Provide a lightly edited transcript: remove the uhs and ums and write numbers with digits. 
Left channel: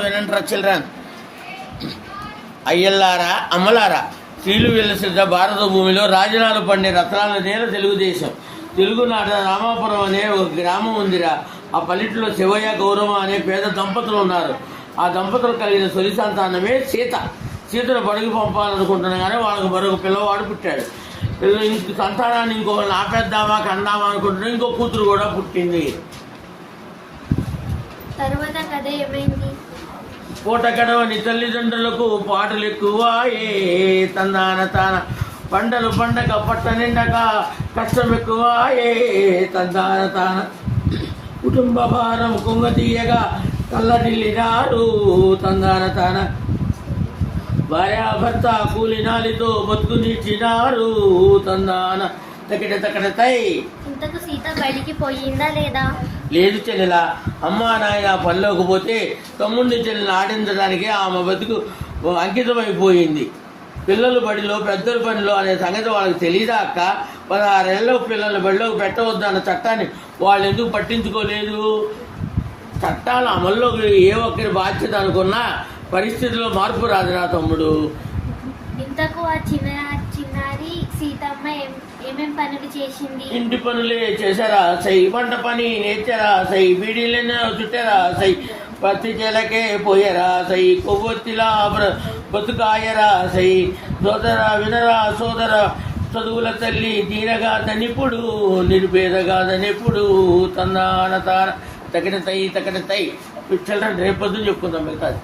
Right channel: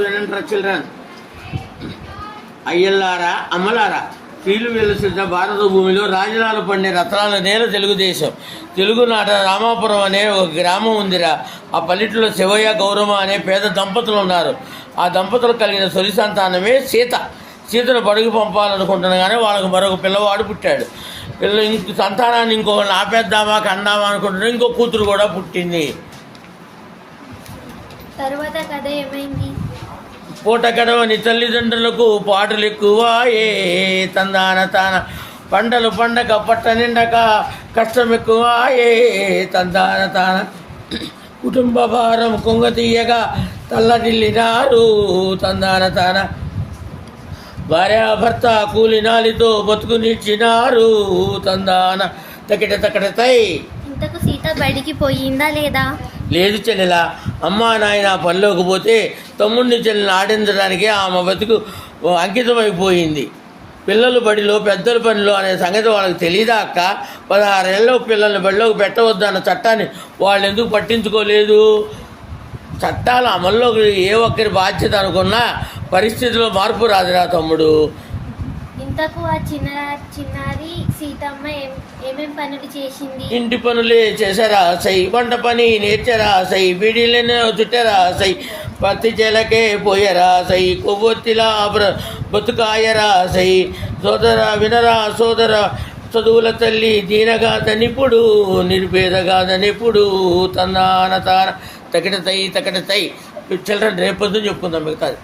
వినంటారా children? అయ్యల్లారా అమ్మలారా, కీలు వెలసిద్ద భారత భూమిలో రాజనాలు పండే రత్నాల నేల తెలుగుదేశం. తెలుగునాట రామాపురం అనే ఒక గ్రామం ఉందిరా. ఆ పల్లెటూరులో శివయ్య గౌరమ్మ అనే పేద దంపతులు ఉన్నారు. ఆ దంపతులు కలిగిన తొలి సంతానమే సీత. సీతను బడుగు పంపాలనుకుంటున్నా కానీ వాళ్ళకు మరొక పిల్లవాడు పుట్టాడు. సంతానాన్ని ఇంకొకరిని ఆపేద్దామా కందామా అనుకుంటున్నా ఇంకో కూతురు కూడా పుట్టింది. తర్వాత కథ ఏమైంది? పూట గడవని తల్లిదండ్రులకు పాటలు ఎక్కువ ఏ తందాన తాన, పంటలు పండగ పట్ట నిండక కష్టం ఎక్కువ ఏ తందాన తాన, కుటుంబ భారం కొంగతీయగా తల్లడిల్లినారు తందాన తాన, భార్యాభర్త కూలినాలితో బతుకునిచ్చినారు తందాన తకిట తకట తై. ఇంతకు సీత బయటికి పోయిందా లేదా? లేదు చెల్లెలా, అమ్మా నాయన పనిలోకి పోతే తమ్ముడిని చెల్లెని ఆడించడానికి ఆమె బతుకు అంకితమైపోయింది. పిల్లలు బడిలో పెద్దల పనిలో అనే సంగతి వాళ్ళకి తెలియదా అక్క? 16 ఏళ్ళ పిల్లల్ని బడిలోకి పెట్టవద్దన్న చట్టాన్ని వాళ్ళు ఎందుకు పట్టించుకోలేదు? చట్టాల అమల్లోకి ఏ ఒక్కరి బాధ్యత అనుకున్నా పరిస్థితిలో మార్పు రాదురా తమ్ముడు. ఇంతకు ఆ చిన్నారి సీతమ్మ ఏమేం పనులు చేసింది? ఇంటి పనులే చేశారా సై, వంట పని నేర్చారా సై, బీడీలనే చుట్టారా సై, పత్తి చేలకే పోయారా సై, కొవ్వొత్తిలా బతుకాయరా సై, సోదర వినరా సోదర, చదువుల తల్లి దీనగాదనిప్పుడు నిర్భేదగాదనిప్పుడు తన్నాన తాన తకిట తై తకిట తై. చిల్డ్రన్ రేపొద్దు చెప్పుకుందాం మిగతాది.